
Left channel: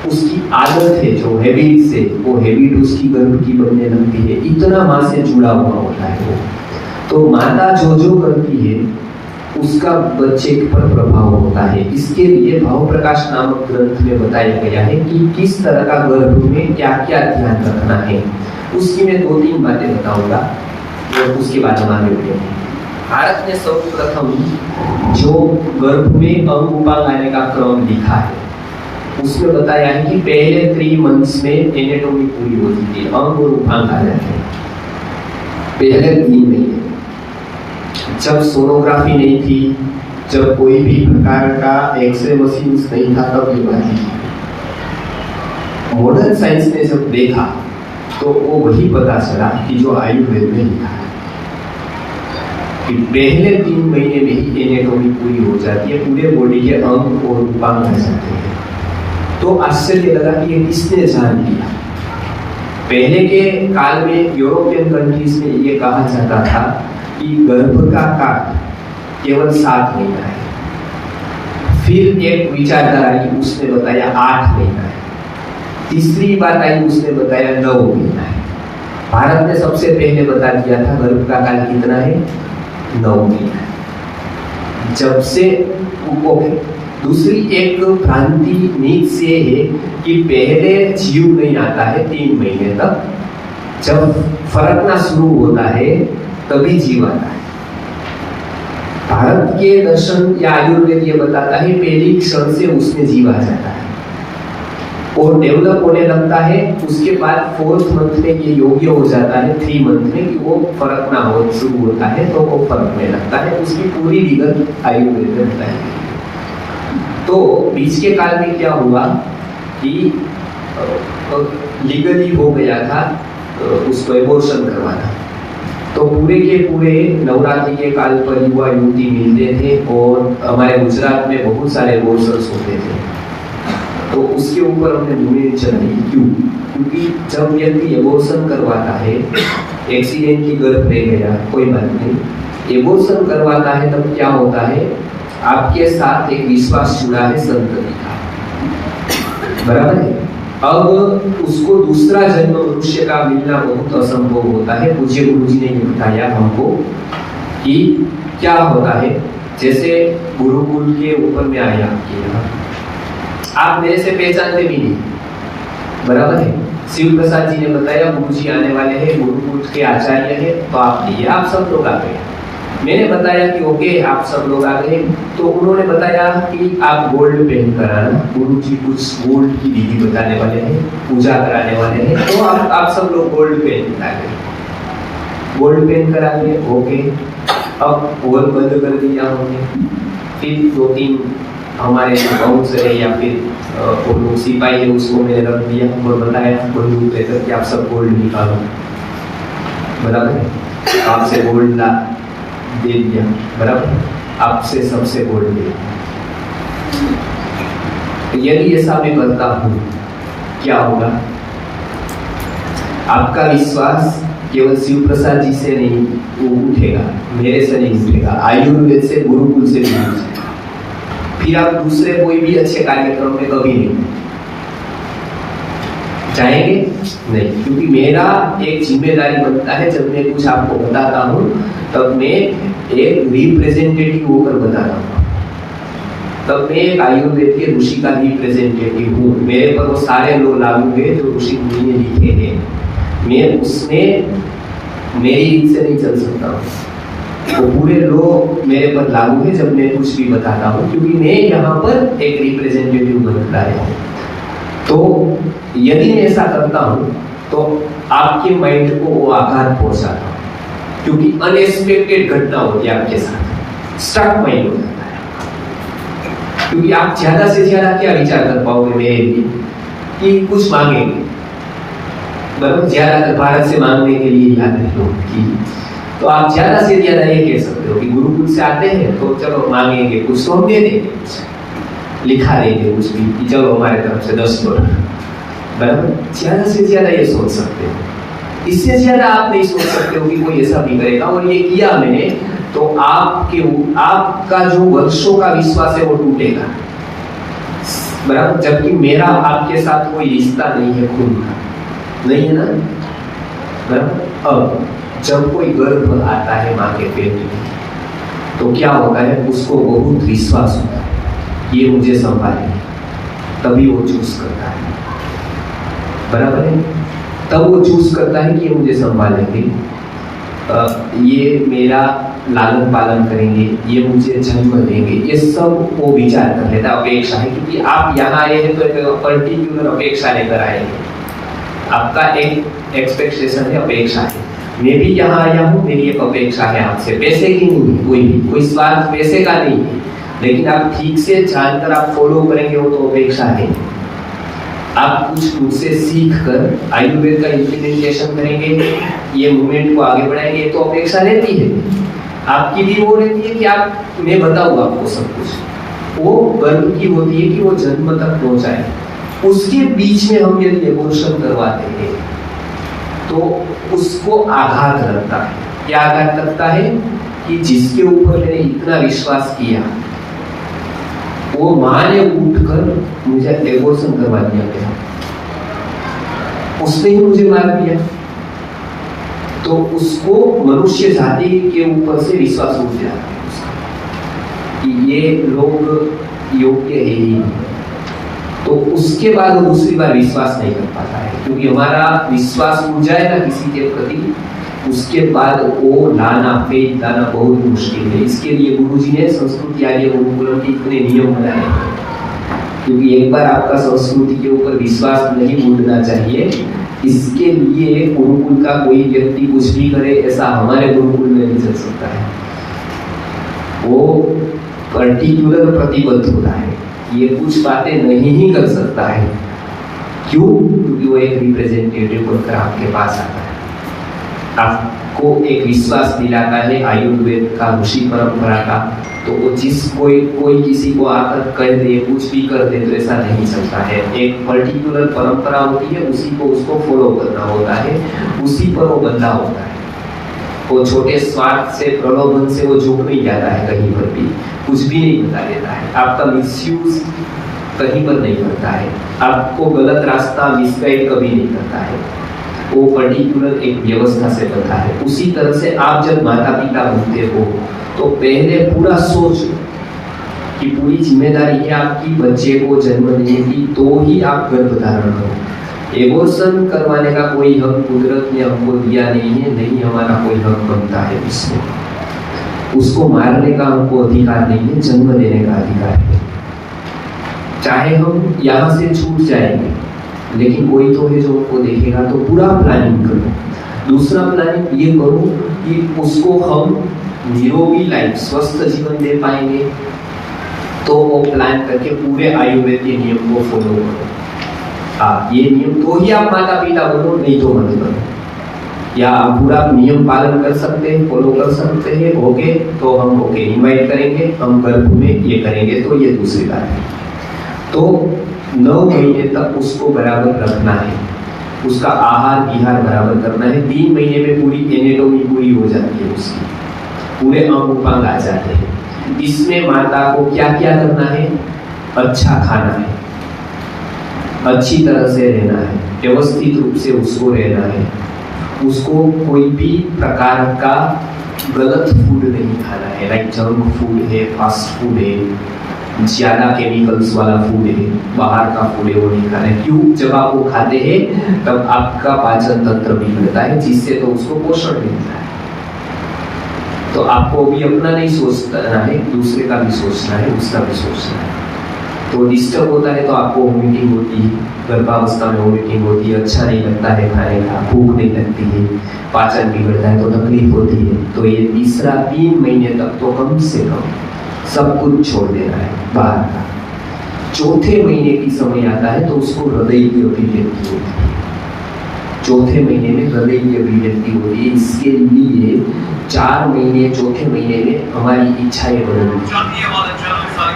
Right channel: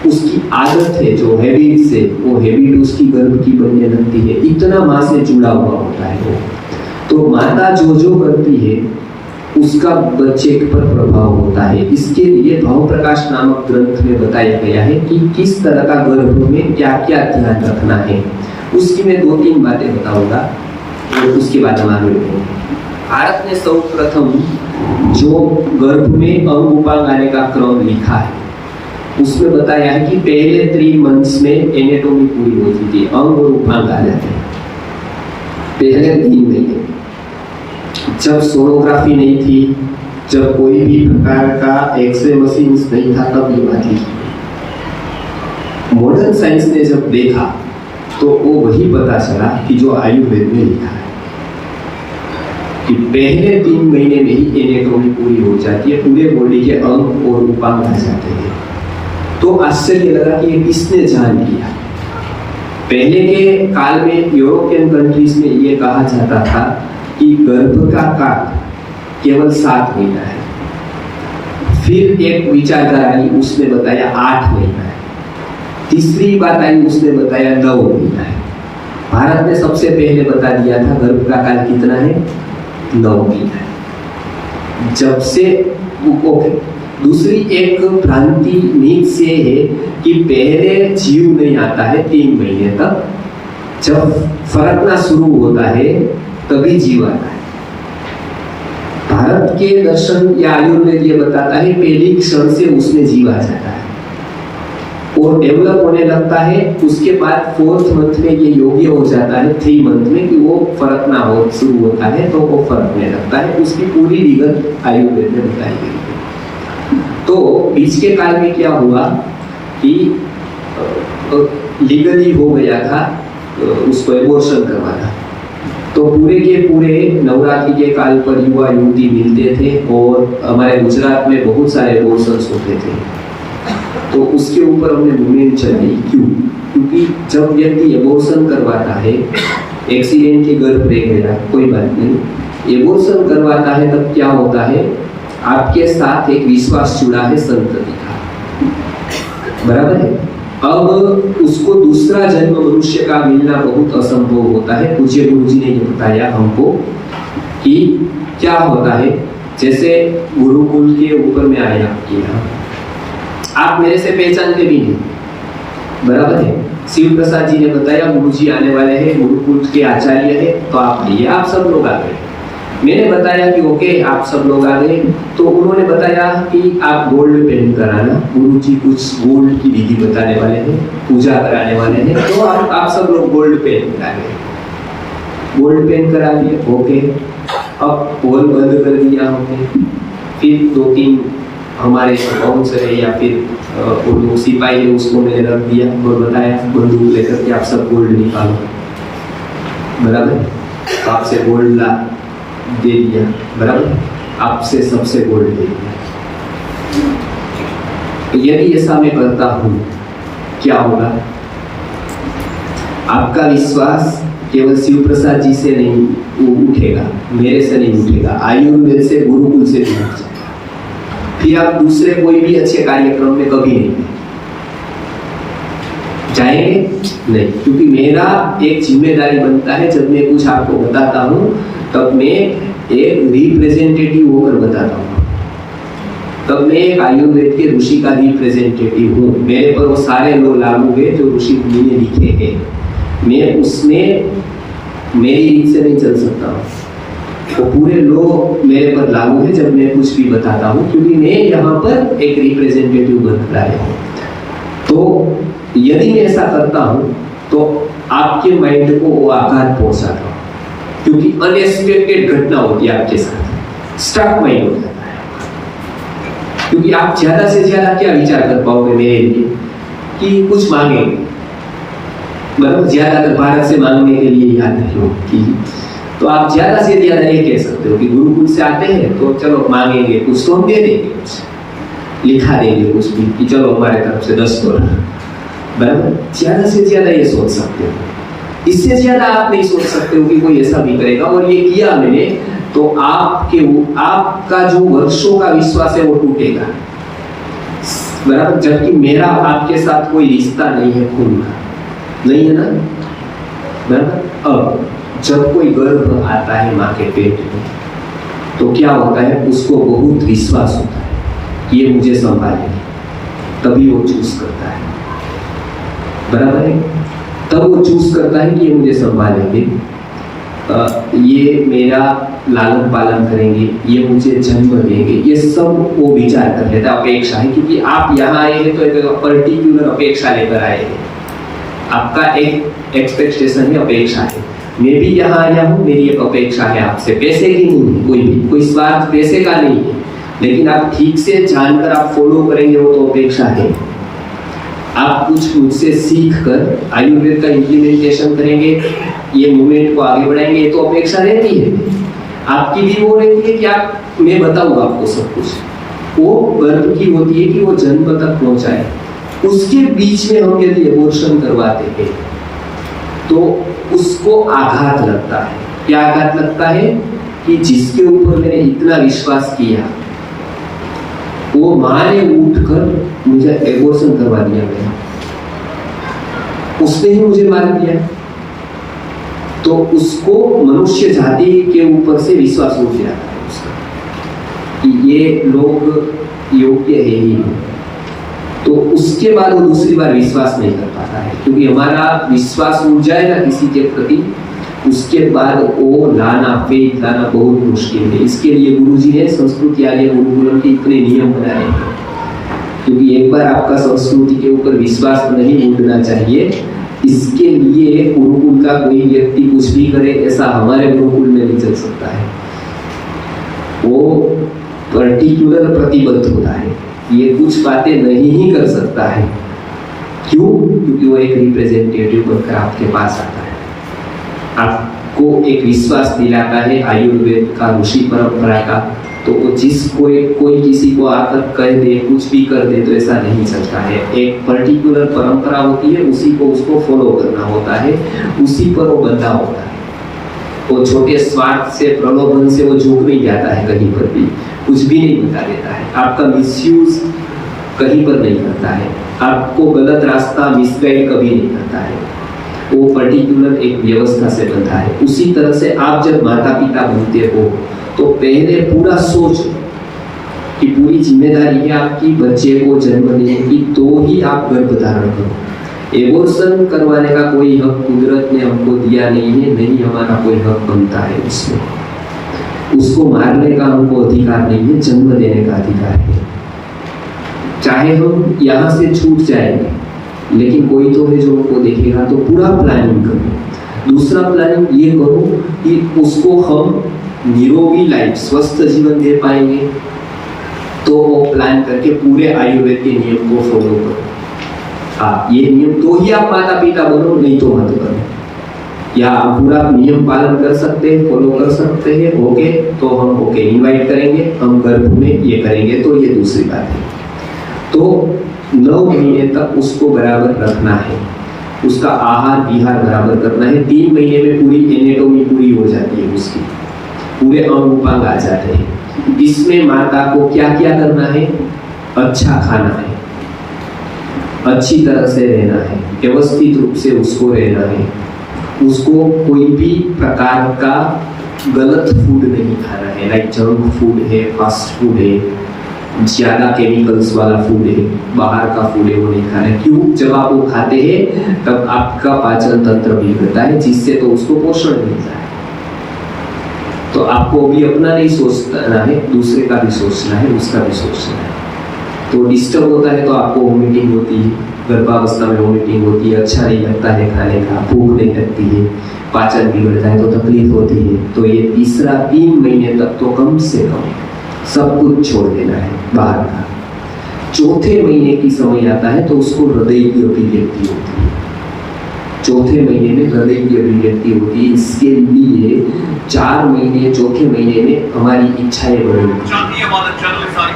उसकी आदत है जो हैबिट से, वो हैबिट उसकी गर्भ की बनने लगती है। इतना माँ से जुड़ा हुआ होता है वो। तो माता जो जो करती है उसका बच्चे पर प्रभाव होता है। इसके लिए भाव प्रकाश नामक ग्रंथ में बताया गया है कि किस तरह का गर्भ में क्या क्या ध्यान रखना है। उसकी मैं 2-3 बातें बताऊंगा और उसके बाद हम आगे बढ़ेंगे। भारत ने सर्वप्रथम जो गर्भ में अंग उपांग आने का क्रम लिखा है उसमें बताया है कि पहले 3 मंथ्स में एनाटॉमी पूरी होती थी, अंग और उपांग आ जाते हैं पहले 3 महीने। जब सोनोग्राफी नहीं थी, जब कोई भी प्रकार का एक्सरे मशीन नहीं था, तब ये बात लिखी। मॉडर्न साइंस ने जब देखा तो वो वही पता चला कि जो आयुर्वेद में लिखा है कि पहले 3 महीने में ही एनाटॉमी पूरी हो जाती है, पूरे बॉडी के अंग और उपांग आ जाते हैं। तो आश्चर्य लगा कि ये किसने जान लिया। पहले के काल में यूरोपियन कंट्रीज में ये कहा जाता था कि गर्भ का काल केवल 7 महीना है। फिर एक विचारधारा आई, उसने बताया 8 महीना है। तीसरी बात आई, उसने बताया 9 महीना है। भारत ने सबसे पहले बता दिया था गर्भ का काल कितना है, 9 महीना है। जब से दूसरी एक भ्रांति नीच से है कि पहले जीव नहीं आता है 3 महीने तक, जब फरकना शुरू होता है तभी जीव आता है। भारत के दर्शन या आयुर्वेद ये बताता है पहली क्षण से उसमें जीव आ जाता है और डेवलप होने लगता है। उसके बाद 4th मंथ में ये योग्य हो जाता है, 3 मंथ में कि वो फरकना हो शुरू होता है, तो वो फरकने लगता है। उसकी पूरी विगत आयुर्वेद में बताई गई है। तो बीच के काल में क्या हुआ कि लीगली हो गया था उसको एबॉर्शन करवाना। तो पूरे के पूरे नवरात्रि के काल पर युवा युवती मिलते थे और हमारे गुजरात में बहुत सारे एबॉर्शंस होते थे। तो उसके ऊपर हमने मुहिम चलाई। क्यों? क्योंकि जब व्यक्ति एबॉर्शन करवाता है, एक्सीडेंटली गर्भ रह गया, कोई बात नहीं, एबॉर्शन करवाता है तब क्या होता है, आपके साथ एक विश्वास जुड़ा है संतति का, बराबर है। अब उसको दूसरा जन्म मनुष्य का मिलना बहुत असंभव होता है। पूज्य गुरु जी ने ये बताया हमको कि क्या होता है, जैसे गुरुकुल के ऊपर में आया आपके यहाँ, आप मेरे से पहचानते भी नहीं, बराबर है। शिव प्रसाद जी ने बताया गुरु जी आने वाले हैं, गुरुकुल के आचार्य है, तो आप आइए, आप सब लोग आ गए। मैंने बताया कि ओके आप सब लोग आ गए, तो उन्होंने बताया कि आप गोल्ड पहन कर आना, गुरु जी कुछ गोल्ड की विधि बताने वाले हैं, पूजा कराने वाले हैं, तो आप सब लोग गोल्ड पहन कर आ गए। गोल्ड पहन कर आ गए, ओके। अब हॉल बंद कर दिया हमने। फिर 2-3 हमारे बाउंसर है या फिर वो लोग सिपाही है, उसको मैंने रख दिया और बताया बंदूक लेकर कि आप सब गोल्ड निकालो, बराबर। आपसे गोल्ड ला दे दिया, बराबर, आपसे सबसे गोल्ड दे दिया। यदि ऐसा मैं करता हूं क्या होगा? आपका विश्वास केवल शिव प्रसाद जी से नहीं उठेगा, मेरे से नहीं उठेगा, आयुर्वेद से, गुरुकुल से भी उठेगा। फिर आप दूसरे कोई भी अच्छे कार्यक्रम में कभी नहीं जाएंगे, नहीं, क्योंकि मेरा एक जिम्मेदारी बनता है, जब मैं कुछ आपको बताता हूं तब मैं एक रिप्रेजेंटेटिव होकर बताता हूँ। तब मैं एक आयुर्वेद के ऋषि का रिप्रेजेंटेटिव हूँ। मेरे पर वो सारे लोग लागू है जो ऋषि मुनि ने लिखे हैं, मैं उसमें मेरी रीत से नहीं चल सकता। वो पूरे लोग मेरे पर लागू है जब मैं कुछ भी बताता हूँ, क्योंकि मैं यहाँ पर एक रिप्रेजेंटेटिव बनता है। तो यदि मैं ऐसा करता हूँ तो आपके माइंड को वो आघात पहुंचाता है, क्योंकि अनएक्सपेक्टेड घटना होती है आपके साथ, स्टक माइंड हो जाता है। क्योंकि आप ज्यादा से ज्यादा क्या विचार कर पाओगे मेरे लिए कि कुछ मांगेंगे, मतलब ज्यादातर भारत से मांगने के लिए याद रखो कि, तो आप ज्यादा से ज्यादा ये कह सकते हो कि गुरुकुल से आते हैं तो चलो मांगेंगे कुछ तो हम दे देंगे, कुछ लिखा देंगे कुछ भी कि चलो हमारे तरफ से 10 करोड़, बराबर। ज्यादा से ज्यादा ये सोच सकते हो, इससे ज्यादा आप नहीं सोच सकते हो कि कोई ऐसा भी करेगा। और ये किया मैंने तो आपका जो वर्षों का विश्वास है वो टूटेगा, बराबर। जबकि मेरा आपके साथ कोई रिश्ता नहीं है, खून का नहीं है ना, बराबर। अब जब कोई गर्भ आता है माँ के पेट में तो क्या होता है, उसको बहुत विश्वास होता है ये मुझे संभालेंगे, तभी वो चूज करता है, बराबर है। तब वो चूज करता है कि ये मुझे संभालेंगे, ये मेरा लालन पालन करेंगे, ये मुझे जन्म देंगे, ये सब वो विचार कर लेता है, अपेक्षा है। क्योंकि आप यहाँ आए हैं तो एक पर्टिकुलर अपेक्षा लेकर आए हैं, आपका एक एक्सपेक्टेशन है, अपेक्षा है। मैं भी यहाँ आया हूँ, मेरी एक अपेक्षा है आपसे, पैसे की नहीं है, कोई स्वार्थ पैसे का नहीं है, लेकिन आप ठीक से जानकर आप फॉलो करेंगे वो तो अपेक्षा है। आप कुछ मुझसे सीख कर आयुर्वेद का इम्प्लीमेंटेशन करेंगे, ये मूवमेंट को आगे बढ़ाएंगे, तो अपेक्षा रहती है। आपकी भी वो रहती है कि आप, मैं बताऊँ आपको सब कुछ, वो गर्भ की होती है कि वो जन्म तक पहुंचाए। उसके बीच में हम यदि एबॉर्शन करवाते हैं तो उसको आघात लगता है। क्या आघात लगता है कि जिसके ऊपर मैंने इतना विश्वास किया वो मां ने उठकर मुझे एबॉर्शन करवा दिया गया, उसने ही मुझे मार दिया, तो उसको मनुष्य जाति के ऊपर से विश्वास उठ जाता है उसका कि ये लोग योग्य है ही नहीं। तो उसके बाद वो दूसरी बार विश्वास नहीं कर पाता है, क्योंकि हमारा विश्वास उठ जाएगा किसी के प्रति, उसके बाद वो लाना फेथ लाना बहुत मुश्किल है। इसके लिए गुरुजी ने संस्कृति आर्य गुरुकुलम के इतने नियम बनाए, क्योंकि एक बार आपका संस्कृति के ऊपर विश्वास नहीं उठना चाहिए। इसके लिए गुरुकुल का कोई व्यक्ति कुछ भी करे ऐसा हमारे गुरुकुल में नहीं चल सकता है, वो पर्टिकुलर प्रतिबद्ध होता है, ये कुछ बातें नहीं ही कर सकता है। क्यों? क्योंकि वो एक रिप्रेजेंटेटिव बनकर आपके पास आता है, आपको एक विश्वास दिलाता है आयुर्वेद का, ऋषि परंपरा का। तो वो कोई किसी को आकर कह दे, कुछ भी कर दे, तो ऐसा नहीं चलता है। एक पर्टिकुलर परंपरा होती है, उसी को उसको फॉलो करना होता है, उसी पर वो बंधा होता है। वो छोटे स्वार्थ से, प्रलोभन से वो झुक नहीं जाता है कहीं पर भी, कुछ भी नहीं बता देता है, आपका मिसयूज कहीं पर नहीं करता है, आपको गलत रास्ता मिसगाइड कभी नहीं करता है। वो पर्टिकुलर एक व्यवस्था से बनता है। उसी तरह से आप जब माता पिता बनते हो तो पहले पूरा सोचो कि पूरी जिम्मेदारी है आपकी बच्चे को जन्म देने की, तो ही आप गर्भ धारण करो। एबॉर्शन करवाने का कोई हक कुदरत ने हमको दिया नहीं है, नहीं हमारा कोई हक बनता है उसमें। उसको मारने का हमको अधिकार नहीं है, जन्म देने का अधिकार है। चाहे हम यहाँ से छूट जाएंगे, लेकिन कोई तो है जो उनको देखेगा, तो पूरा प्लानिंग करो। दूसरा प्लानिंग ये करो कि उसको हम निरोगी लाइफ, स्वस्थ जीवन दे पाएंगे, तो वो प्लान करके पूरे आयुर्वेद के नियम को फॉलो करो। आप ये नियम तो ही आप माता पिता बनो, नहीं तो मत करो। या आप पूरा नियम पालन कर सकते हैं, फॉलो कर सकते हैं, ओके तो हम ओके इनवाइट करेंगे, हम गर्भ में ये करेंगे, तो ये दूसरी बात है। तो 9 महीने तक उसको बराबर रखना है, उसका आहार विहार बराबर करना है। 3 महीने में पूरी एनाटॉमी पूरी हो जाती है, उसकी पूरे अंग उपांग आ जाते हैं। इसमें माता को क्या क्या करना है? अच्छा खाना है, अच्छी तरह से रहना है, व्यवस्थित रूप से उसको रहना है, उसको कोई भी प्रकार का गलत फूड नहीं खाना है, लाइक जंक फूड है, फास्ट फूड है, ज्यादा केमिकल्स वाला फूड है, बाहर का फूड है, वो नहीं खाना है। क्यों? जब आप वो खाते हैं तब आपका पाचन तंत्र बिगड़ता है, जिससे तो उसको पोषण मिलता है। तो आपको भी अपना नहीं सोचना है, दूसरे का भी सोचना है, उसका भी सोचना है। तो डिस्टर्ब होता है तो आपको वोमिटिंग होती है, गर्भावस्था में वोमिटिंग होती है, अच्छा नहीं लगता है खाने का, भूख नहीं लगती है, पाचन बिगड़ जाए तो तकलीफ होती है। तो ये तीसरा 3 महीने तक तो कम से कम सब कुछ छोड़ देना है बाहर का। चौथे महीने की समय आता है तो उसको हृदय की अभिव्यक्ति होती है। चौथे महीने में हृदय की अभिव्यक्ति होती है। इसके लिए 4 महीने चौथे महीने में हमारी इच्छाएं बदलती हैं,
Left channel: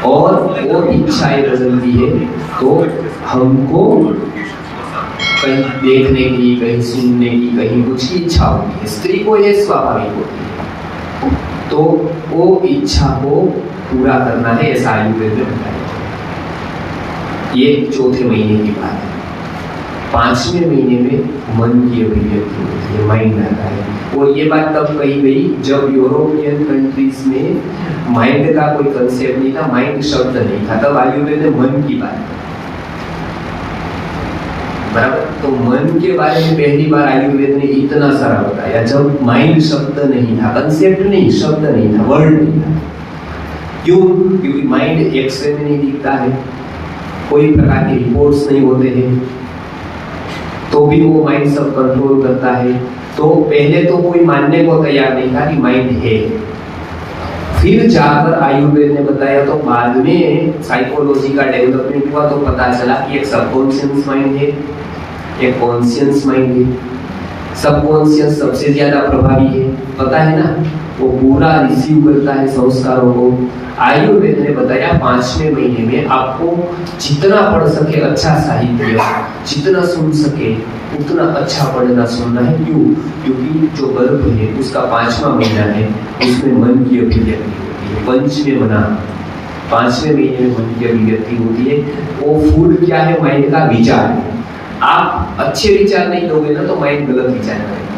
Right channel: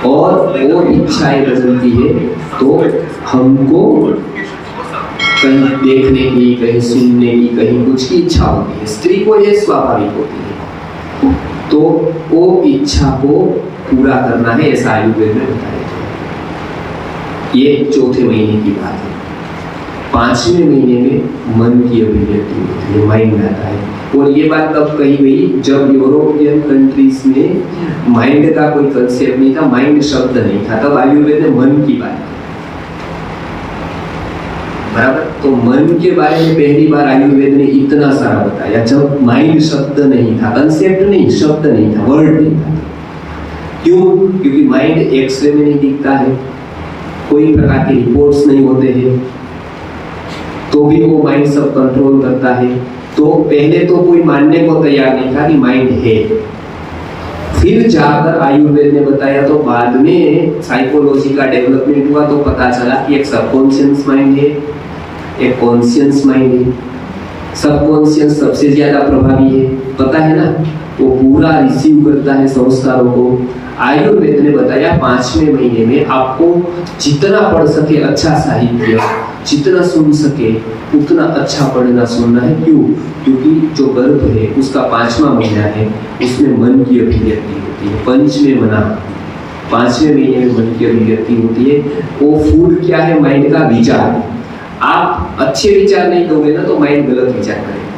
और वो इच्छाएं बदलती है तो हमको कहीं देखने की, कहीं सुनने की, कहीं कुछ की इच्छा होती है। स्त्री को ये स्वाभाविक होती है, तो वो इच्छा को पूरा करना है, ऐसा आयुर्वेद में बताया। ये चौथे महीने की बात है। 5वें महीने में मन की अभिव्यक्ति होती है, माइंड आता है। और ये बात तब कही गई जब यूरोपियन कंट्रीज में माइंड का कोई कंसेप्ट नहीं था, माइंड शब्द नहीं था, तब आयुर्वेद में मन की बात है, बराबर। तो मन के बारे में पहली बार आयुर्वेद ने इतना सारा बताया जब माइंड शब्द नहीं था, कंसेप्ट नहीं, शब्द नहीं था, वर्ड नहीं था। क्यों? क्योंकि माइंड एक्सरे में नहीं दिखता है, कोई प्रकार के रिपोर्ट्स नहीं होते हैं, तो भी वो माइंड सब कंट्रोल करता है। तो पहले तो कोई मानने को तैयार नहीं था कि माइंड है। फिर जाकर आयुर्वेद ने बताया तो बाद में साइकोलॉजी का डेवलपमेंट हुआ तो पता चला कि एक सबकॉन्शियस माइंड है, एक कॉन्शियस माइंड है। सबकॉन्शियस सबसे ज्यादा प्रभावी है, पता है ना, वो पूरा रिसीव करता है संस्कारों को। आयुर्वेद ने बताया 5वें महीने में आपको जितना पढ़ सके अच्छा साहित्य, जितना सुन सके उतना अच्छा पढ़ना सुनना है। क्यों? क्योंकि जो गर्भ है उसका 5वां महीना है, उसमें मन की अभिव्यक्ति होती है। 5वें महीने में मन की अभिव्यक्ति होती है। वो फूड क्या है? माइंड का विचार। आप अच्छे विचार नहीं दोगे ना तो माइंड गलत विचार करेगा।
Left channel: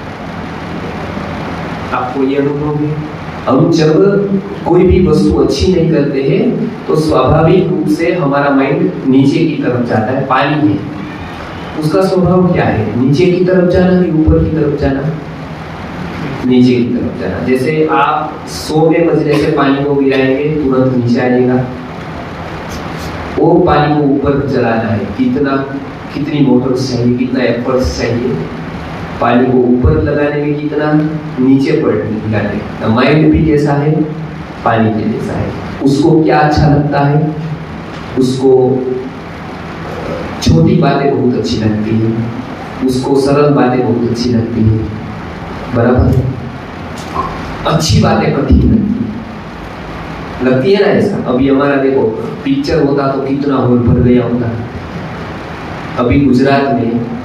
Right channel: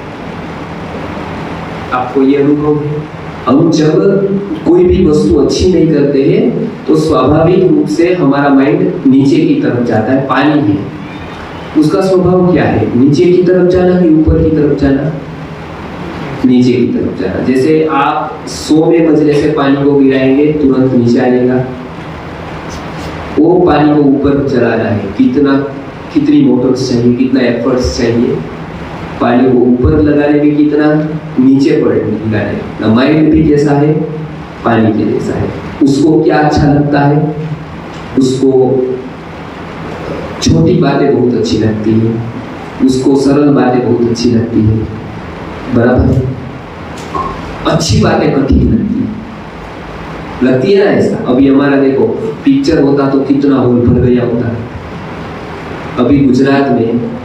आपको ये अनुभव है? हम जब कोई भी वस्तु अच्छी नहीं करते हैं तो स्वाभाविक रूप से हमारा माइंड नीचे की तरफ जाता है। पानी है, उसका स्वभाव क्या है? नीचे की तरफ जाना कि ऊपर की तरफ जाना? नीचे की तरफ जाना। जैसे आप 100वें मंजिले से पानी को गिराएंगे तुरंत नीचे आ जाएगा। वो पानी को ऊपर चलाना है, कितनी मोटर्स चाहिए, कितना एफर्ट्स चाहिए, पानी को ऊपर लगाने में कितना, नीचे लगाने में। माइंड भी जैसा है, पानी के जैसा है। उसको क्या अच्छा लगता है? उसको छोटी बातें बहुत अच्छी लगती है, उसको सरल बातें बहुत अच्छी लगती है, बराबर। अच्छी बातें कठिन लगती है ना, ऐसा। अभी हमारा देखो पिक्चर होता तो कितना हॉल भर गया होता। अभी गुजरात में